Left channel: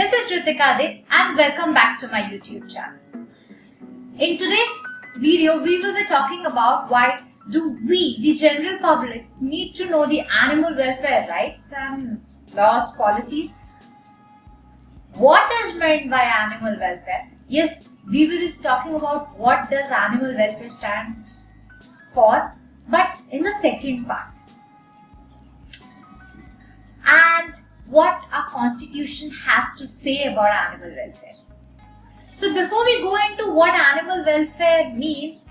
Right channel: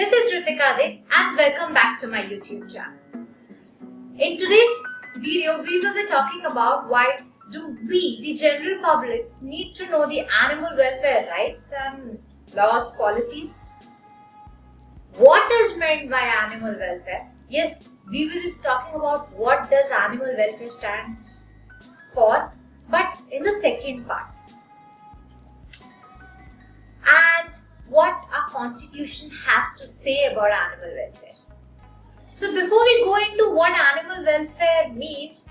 This is Ritika De and welcome back to my YouTube channel. In today's video, we will be talking about why do we, the general public, need to know the animal welfare rights and laws, policies. What is meant by animal welfare? Yes, we will be talking about what does animal welfare stands for, but in the second part. And what our constitution has to say about animal welfare. So before we go into what animal welfare means,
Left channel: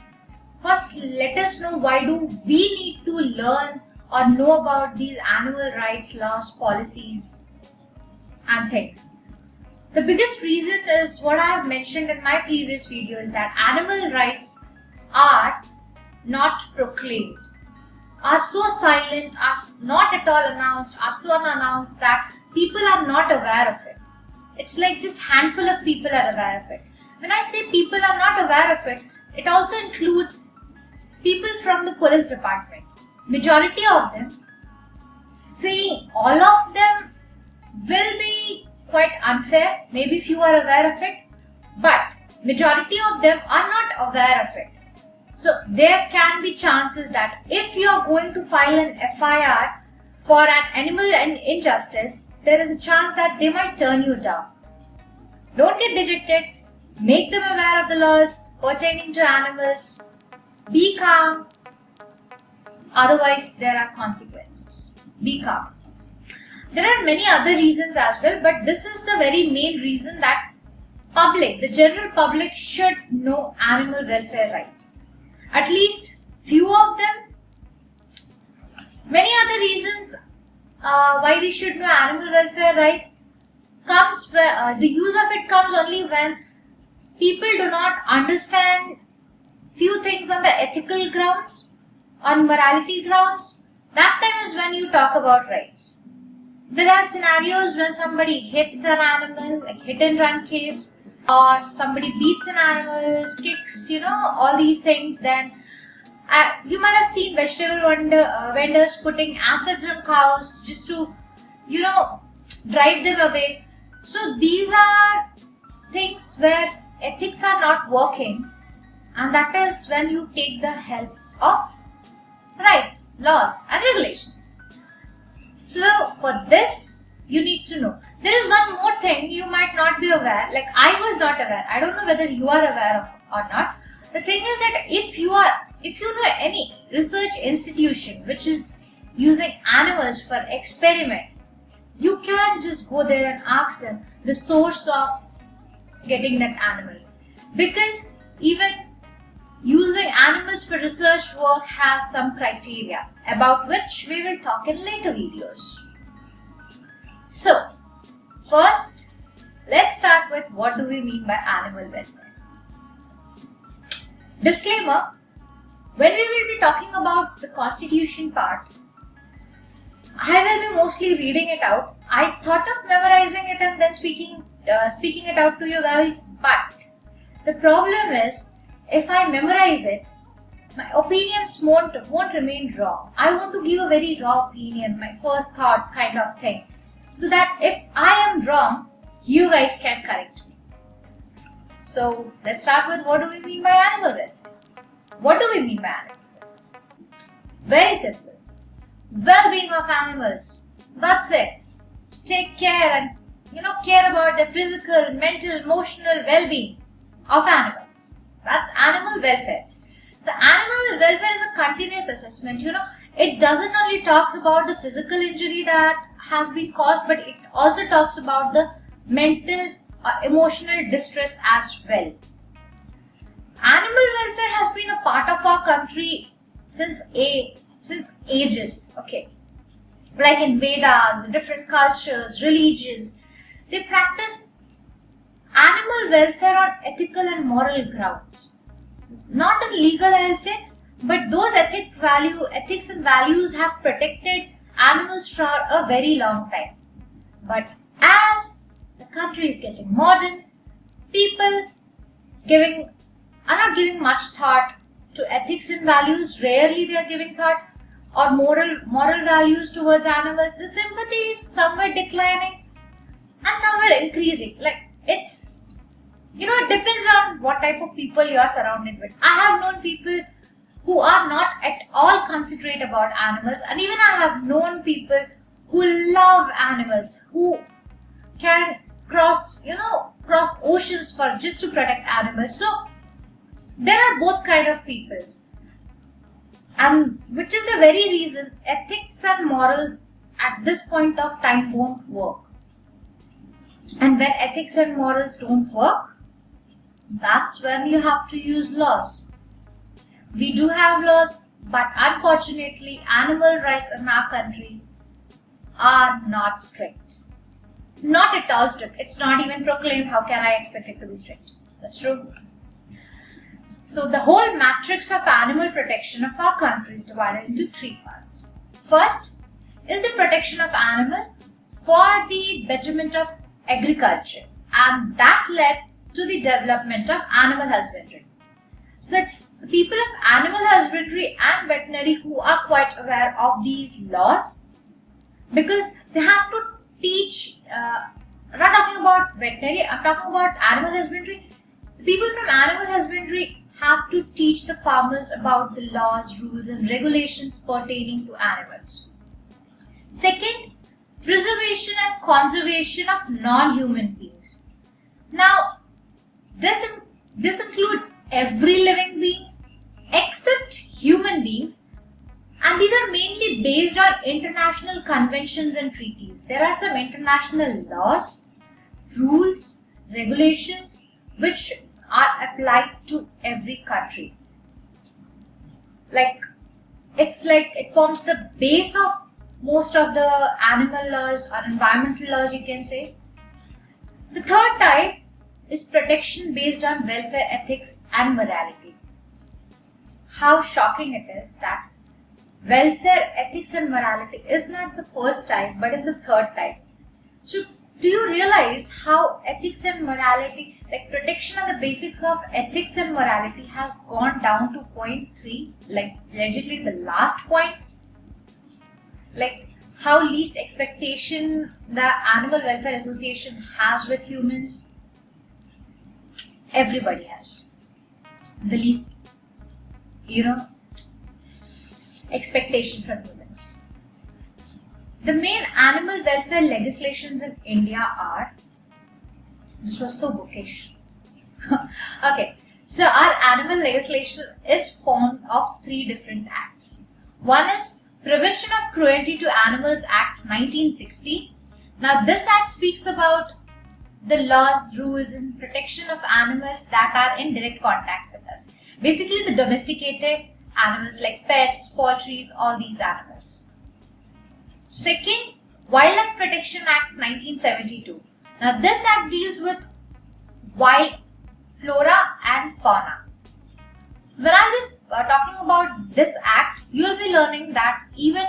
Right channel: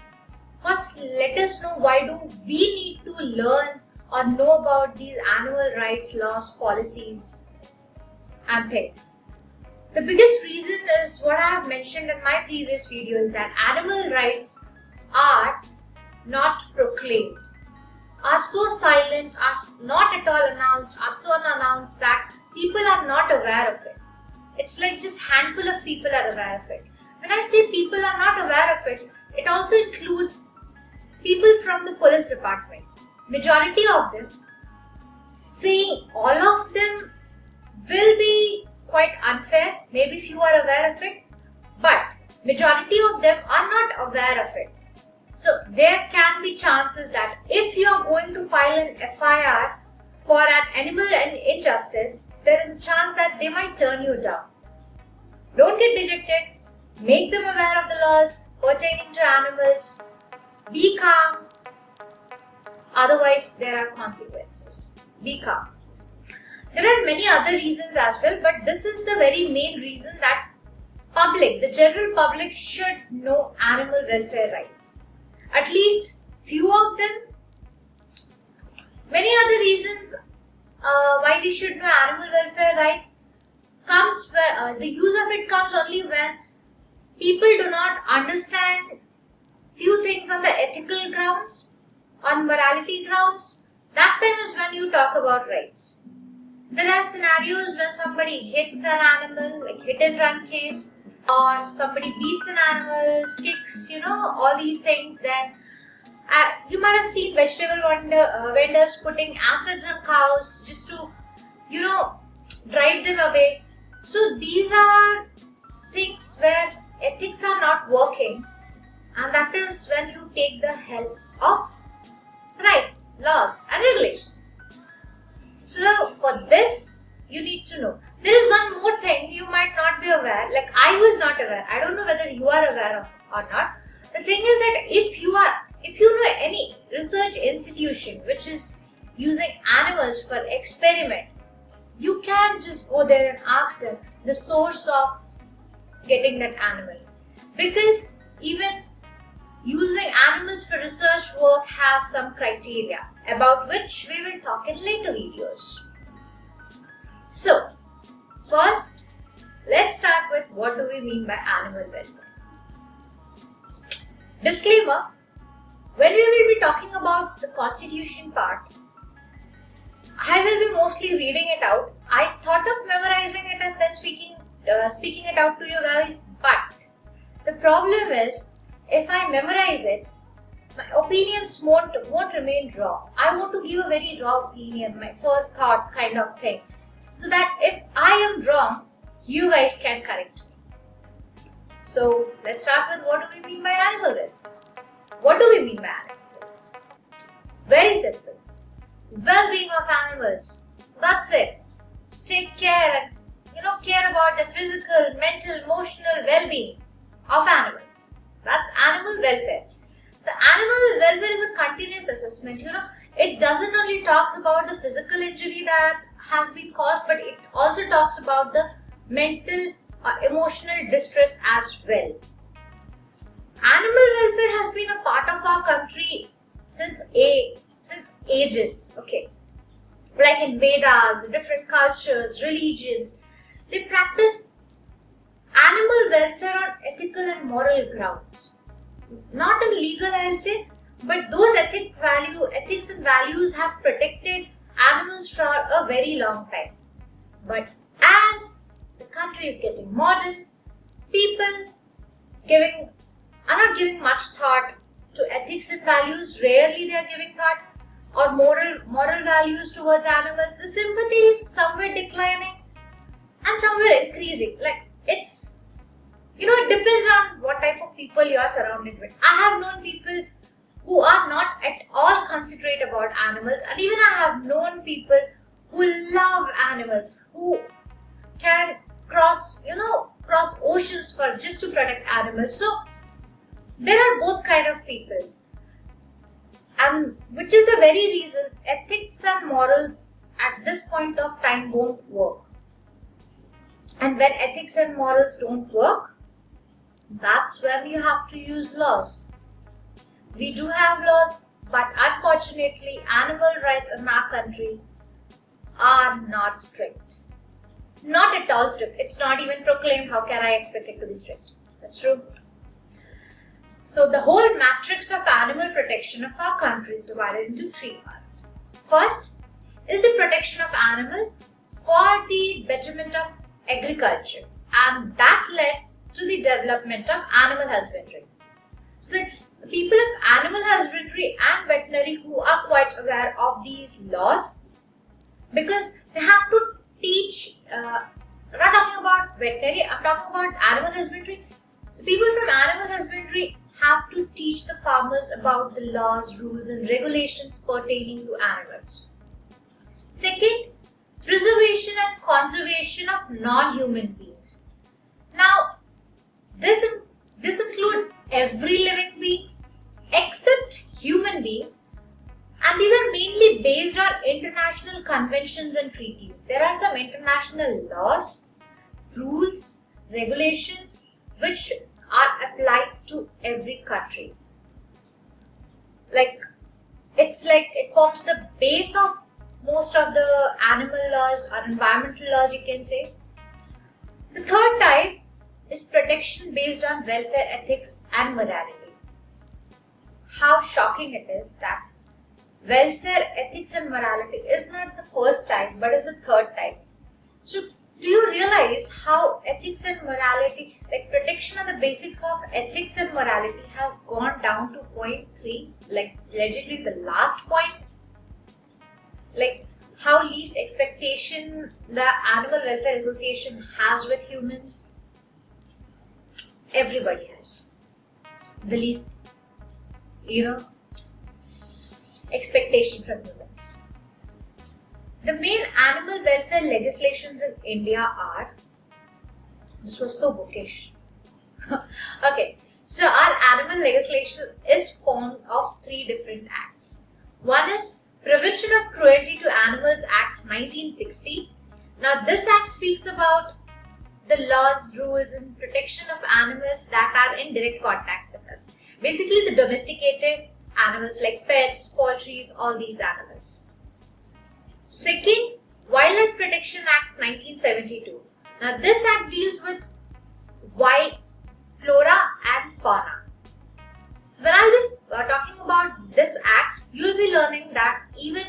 first let us know why do we need to learn or know about these animal rights, laws, policies and things. The biggest reason is what I have mentioned in my previous video is that animal rights are not proclaimed, are so silent, are not at all announced, are so unannounced that people are not aware of it. It's like just handful of people are aware of it. When I say people are not aware of it, it also includes people from the police department. Majority of them, saying all of them will be quite unfair, maybe if you are aware of it, but majority of them are not aware of it. So there can be chances that if you are going to file an FIR for an animal injustice, there is a chance that they might turn you down. Don't get dejected. Make them aware of the laws pertaining to animals. Be calm. Otherwise, there are consequences. Be calm. There are many other reasons as well, but this is the very main reason that the general public should know animal welfare rights. At least few of them. Many other reasons why we should know animal welfare rights comes where the use of it comes only when people do not understand few things on the ethical grounds, on morality grounds. That time is when you talk about rights. There are scenarios when somebody hits an animal, like hit and run case, or somebody beats an animal, kicks, all these things. Then you might have seen vegetable vendors putting acids on cows just to, drive them away. So these are things where ethics are not working, and that is when you take the help of rights, laws and regulations. So for this, you need to know. There is one more thing you might not be aware, like I was not aware. I don't know whether you are aware of or not. The thing is that if you know any research institution which is using animals for experiment, you can just go there and ask them the source of getting that animal. Because even using animals for research work has some criteria about which we will talk in later videos. So, first, let's start with what do we mean by animal welfare. Disclaimer, when we will be talking about the constitution part, I will be mostly reading it out. I thought of memorizing it and then speaking it out to you guys, but the problem is, if I memorize it, my opinions won't remain raw. I want to give a very raw opinion, my first thought kind of thing, so that if I am wrong, you guys can correct me. So let's start with what do we mean by animal welfare. What do we mean by animal welfare? Very simple. Well-being of animals. That's it. Take care and care about the physical, mental, emotional well-being of animals. That's animal welfare. So animal welfare is a continuous assessment. It doesn't only talk about the physical injury that has been caused, but it also talks about the mental or emotional distress as well. Animal welfare has been a part of our country since ages. Okay, like in Vedas, different cultures, religions, they practice animal welfare on ethical and moral grounds. Not in legal, I'll say, but those ethics and values have protected animals for a very long time. But as the country is getting modern, people are not giving much thought to ethics and values. Rarely they are giving thought or moral values towards animals. The sympathy is somewhat declining. and somewhere increasing. Like it's, it depends on what type of people you are surrounded with. I have known people who are not at all considerate about animals, and even I have known people who love animals, who can cross oceans for just to protect animals. So there are both kind of peoples, and which is the very reason ethics and morals at this point of time won't work. And when ethics and morals don't work, that's when you have to use laws. We do have laws, but unfortunately animal rights in our country are not strict. Not at all strict. It's not even proclaimed. How can I expect it to be strict? That's true. So the whole matrix of animal protection of our country is divided into three parts. First is the protection of animal for the betterment of agriculture, and that led to the development of animal husbandry. So it's the people of animal husbandry and veterinary who are quite aware of these laws, because they have to teach. I'm not talking about veterinary, I'm talking about animal husbandry. The people from animal husbandry have to teach the farmers about the laws, rules, and regulations pertaining to animals. Second, preservation and conservation of non-human beings. Now, this includes every living beings except human beings, and these are mainly based on international conventions and treaties. There are some international laws, rules, regulations which are applied to every country. It forms the base of most of the animal laws or environmental laws, you can say. The third type is protection based on welfare ethics and morality. How shocking it is that welfare ethics and morality is not the first type but is the third type. So do you realize how ethics and morality, like protection on the basis of ethics and morality, has gone down to point 3, like allegedly the last point? Like how least expectation the Animal Welfare Association has with humans. Everybody has the least, expectation from humans. The main animal welfare legislations in India are, this was so bookish. Okay, so our animal legislation is formed of 3 different acts. One is Prevention of Cruelty to Animals Act 1960. Now this act speaks about the laws, rules, and protection of animals that are in direct contact with us. Basically the domesticated animals like pets, poultry, all these animals. Second, Wildlife Protection Act 1972. Now this act deals with wild flora and fauna. When I was talking about this act, you will be learning that even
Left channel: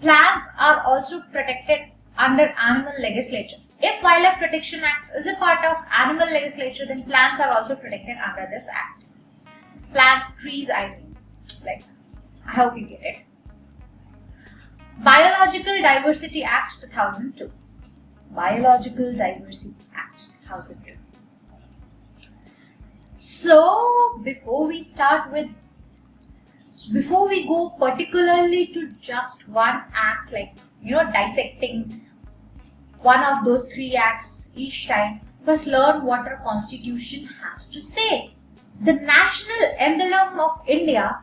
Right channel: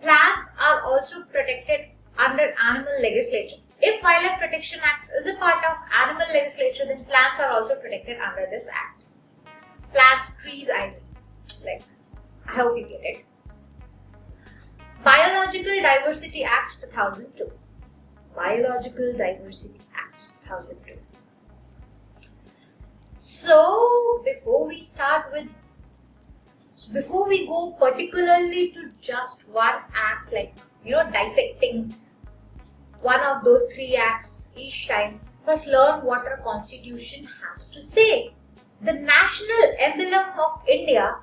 plants are also protected under animal legislation. If Wildlife Protection Act is a part of animal legislature, then plants are also protected under this act. Plants, trees, I hope you get it. Biological Diversity Act 2002. Biological Diversity Act 2002. So, before we go particularly to just one act, dissecting one of those 3 acts each time, first learn what our constitution has to say. The national emblem of India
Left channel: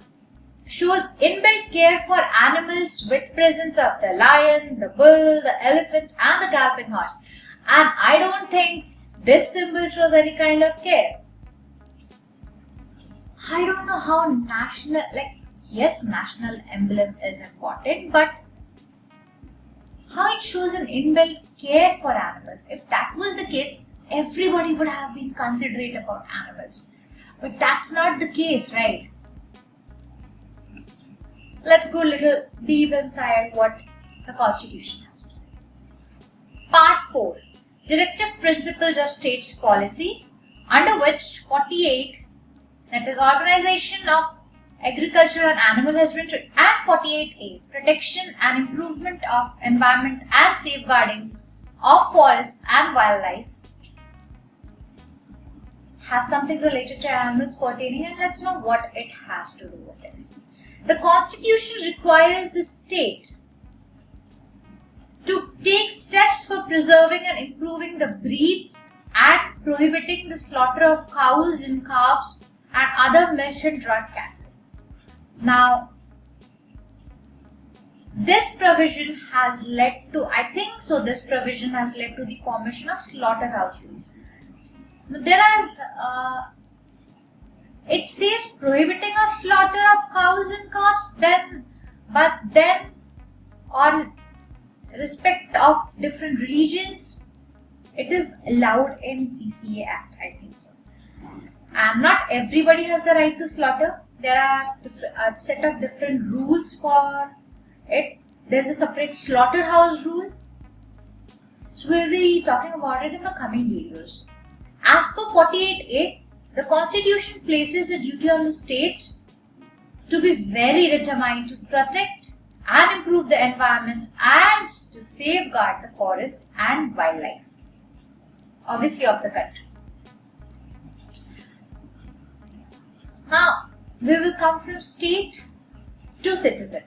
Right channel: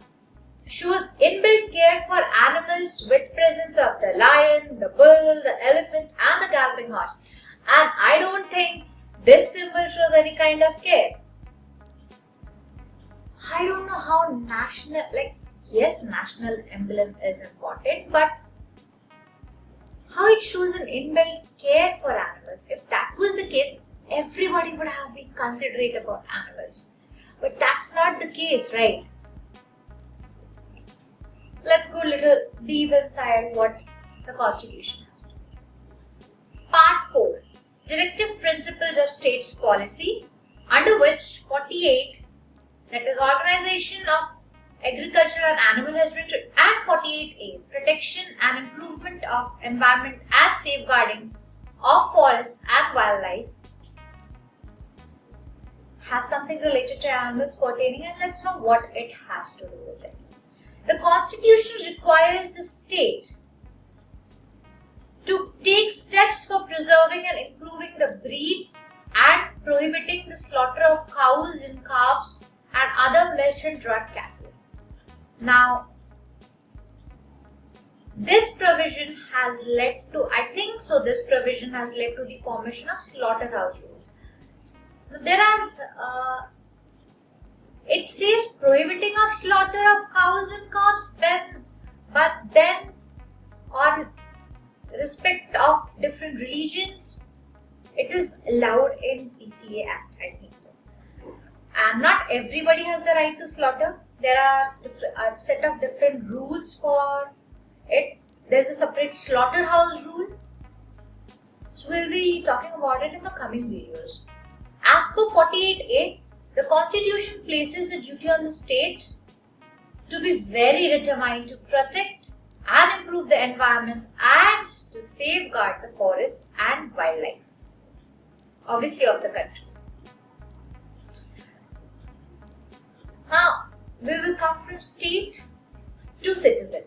shows inbuilt care for animals with presence of the lion, the bull, the elephant, and the galloping horse. And I don't think this symbol shows any kind of care. I don't know how national emblem is important, but how it shows an inbuilt care for animals. If that was the case, everybody would have been considerate about animals. But that's not the case, right? Let's go a little deep inside what the Constitution has to say. Part 4. Directive Principles of State Policy, under which 48, that is Organization of Agriculture and Animal Husbandry, and 48A, Protection and Improvement of Environment and Safeguarding of forests and wildlife has something related to animals pertaining, and let's know what it has to do with it. The Constitution requires the state to take steps for preserving and improving the breeds and prohibiting the slaughter of cows and calves and other milch and draught cattle. Now, this provision has led to, this provision has led to the formation of slaughterhouse rules. There are, it says prohibiting of slaughter of cows and calves, but then on respect of different religions, it is allowed in PCA Act, I think so. And not everybody has the right to slaughter. There are a set of different rules for it. There's a separate slaughterhouse rule. So we'll be talking about it in the coming videos. As per 48A, the Constitution places a duty on the state to be very determined to protect and improve the environment and to safeguard the forest and wildlife, obviously of the country. Now, we will come from state to citizen.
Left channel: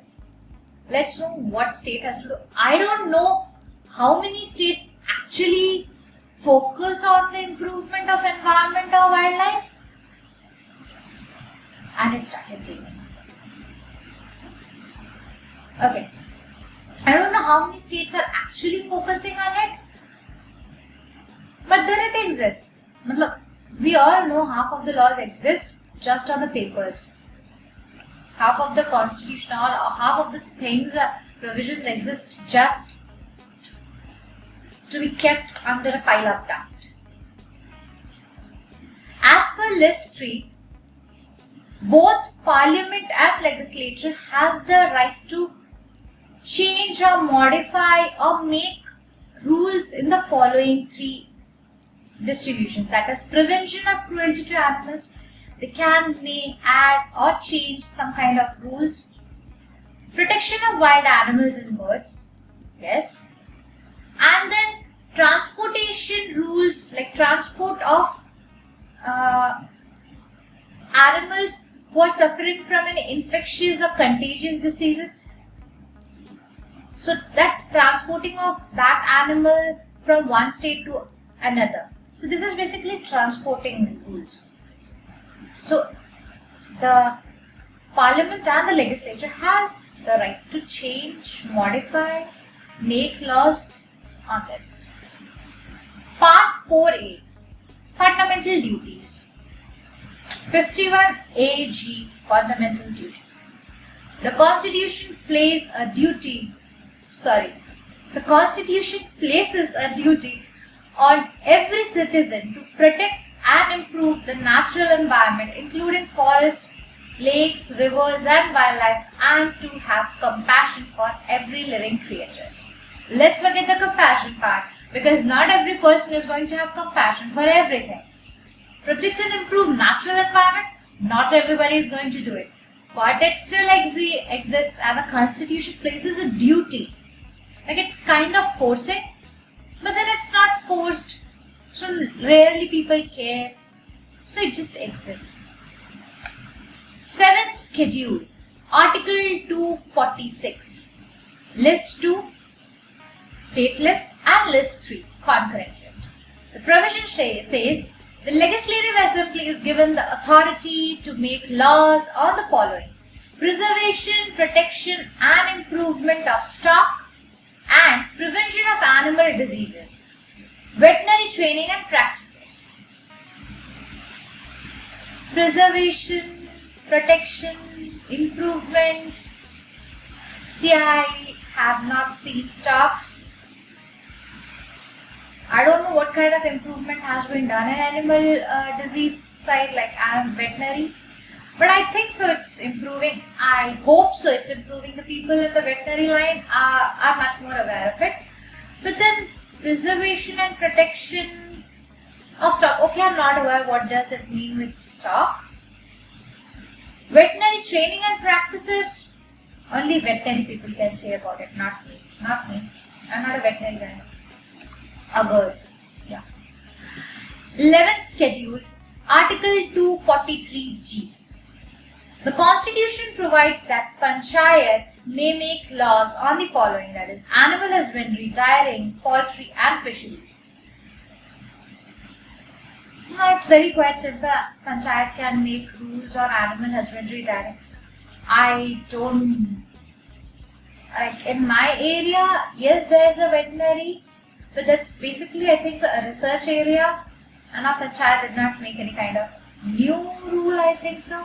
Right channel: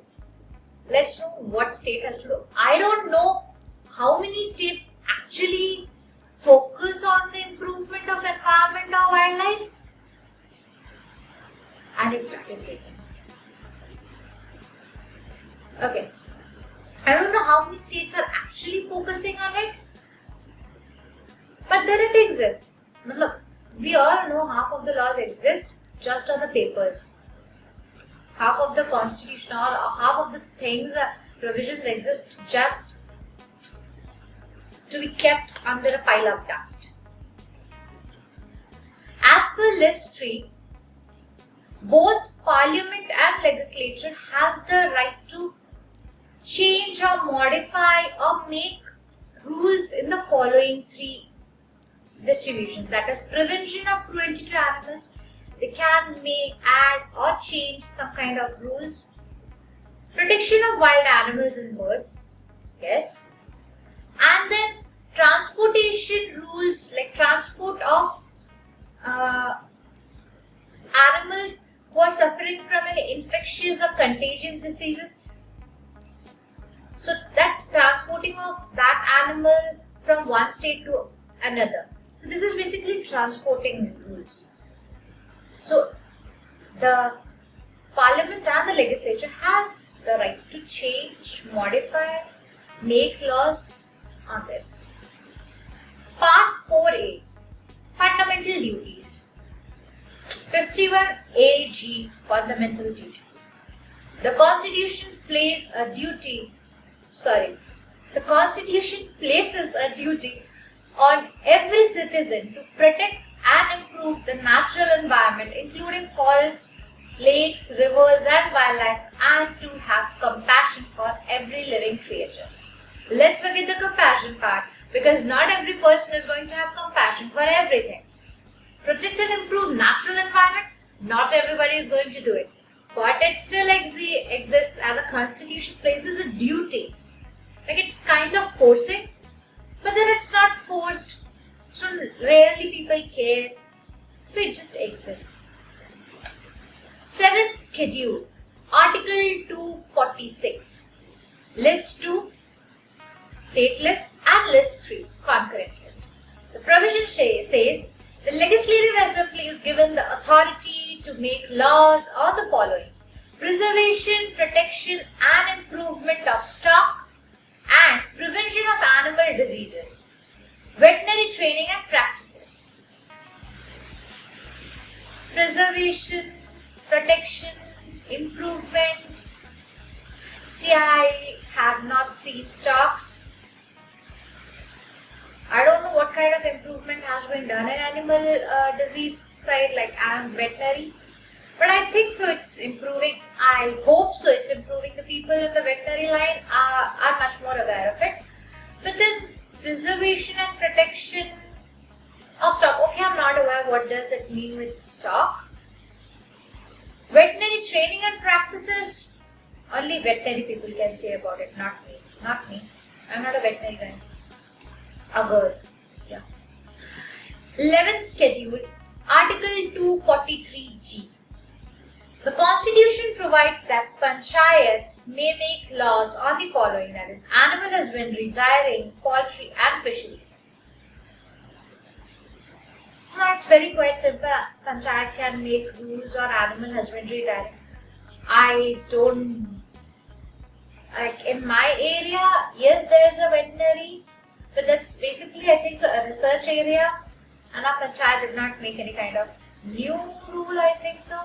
Let's know what state has to do. I don't know how many states actually focus on the improvement of environment or wildlife. And it started raining. Okay. I don't know how many states are actually focusing on it. But then it exists. Look, we all know half of the laws exist just on the papers. Half of the constitution or half of the things, provisions exist just to be kept under a pile of dust. As per list 3, both parliament and legislature has the right to change or modify or make rules in the following 3 distributions. That is prevention of cruelty to animals. They may add or change some kind of rules. Protection of wild animals and birds. Yes. And then transportation rules, like transport of animals who are suffering from any infectious or contagious diseases. So that transporting of that animal from one state to another. So this is basically transporting rules. So the parliament and the legislature has the right to change, modify, make laws on this. Part 4A, Fundamental Duties. 51AG, Fundamental Duties. The Constitution places a duty on every citizen to protect and improve the natural environment, including forests, lakes, rivers and wildlife, and to have compassion for every living creature. Let's forget the compassion part, because not every person is going to have compassion for everything. Protect and improve natural environment, not everybody is going to do it. But it still exists, and the Constitution places a duty. Like, it's kind of forcing, but then it's not forced. So rarely people care. So it just exists. 7th schedule, Article 246. List 2, state list, and list 3, concurrent list. The provision says the Legislative Assembly is given the authority to make laws on the following: preservation, protection and improvement of stock and prevention of animal diseases, veterinary training and practices. Preservation, protection, improvement. See, I have not seen stocks. I don't know what kind of improvement has been done in animal disease side, like veterinary. But I think so it's improving. I hope so it's improving. The people in the veterinary line are much more aware of it. But then preservation and protection of stock. Okay, I'm not aware what does it mean with stock. Veterinary training and practices. Only veterinary people can say about it, not me. I'm not a veterinary guy. Agar. Yeah. 11th schedule, Article 243G. The Constitution provides that Panchayat may make laws on the following, that is, animal husbandry, dairying, poultry and fisheries. No, it's very quite simple. Panchayat can make rules on animal husbandry, dairying. I don't, like in my area, yes, there's a veterinary, but that's basically, I think, so a research area, and our Panchayat did not make any kind of new rule, I think so.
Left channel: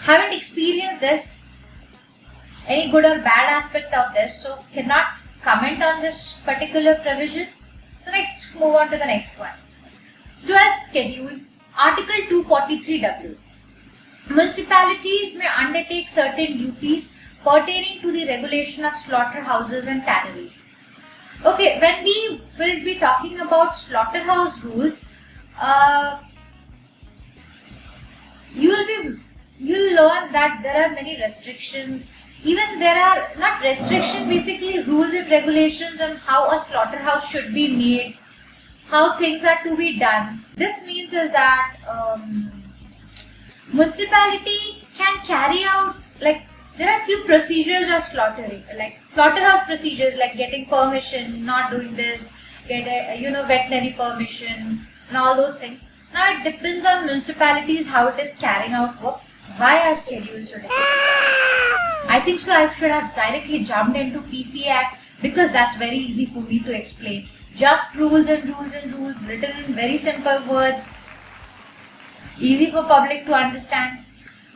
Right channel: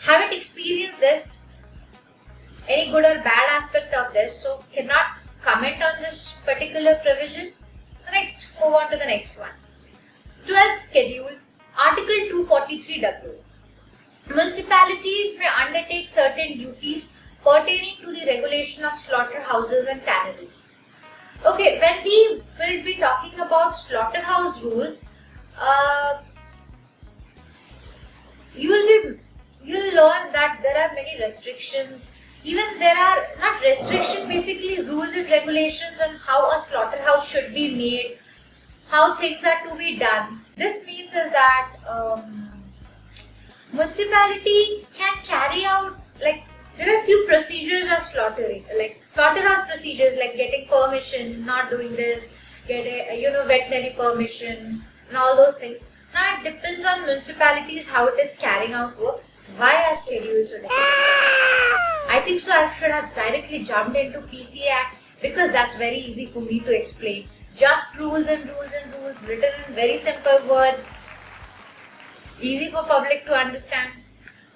Haven't experienced this, any good or bad aspect of this, so cannot comment on this particular provision. So next, move on to the next one. 12th schedule, Article 243W. Municipalities may undertake certain duties pertaining to the regulation of slaughterhouses and tanneries. Okay, when we will be talking about slaughterhouse rules, you'll learn that there are many restrictions. Even there are not restrictions, basically rules and regulations on how a slaughterhouse should be made, how things are to be done. This means is that municipality can carry out, like, there are few procedures of slaughtering, like slaughterhouse procedures, like getting permission, not doing this, get a veterinary permission and all those things. Now it depends on municipalities how it is carrying out work. Why are schedules so difficult? I think so I should have directly jumped into PCA Act, because that's very easy for me to explain. Just rules and rules and rules written in very simple words, easy for public to understand.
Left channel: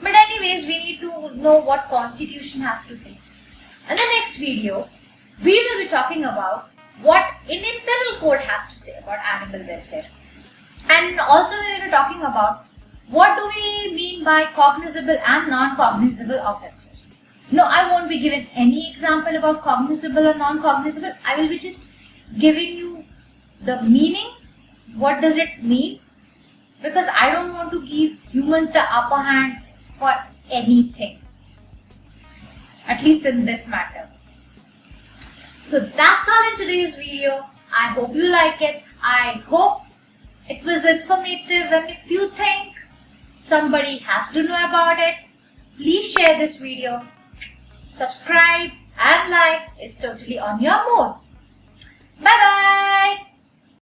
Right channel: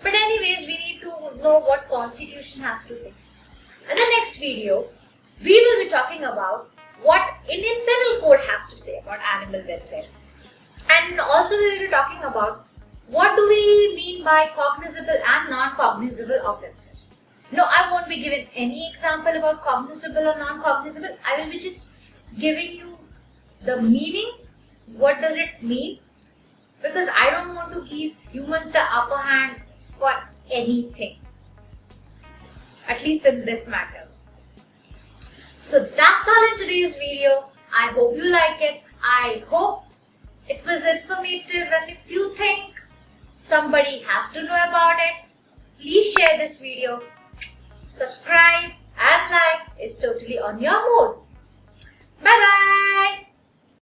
But anyways, we need to know what Constitution has to say. In the next video, we will be talking about what Indian Penal Code has to say about animal welfare. And also we will be talking about what do we mean by cognizable and non-cognizable offences. No, I won't be giving any example about cognizable or non-cognizable. I will be just giving you the meaning, what does it mean, because I don't want to give humans the upper hand for anything, at least in this matter. So that's all in today's video. I hope you like it. I hope it was informative, and if you think somebody has to know about it, please share this video. Subscribe and like is totally on your mood. Bye bye.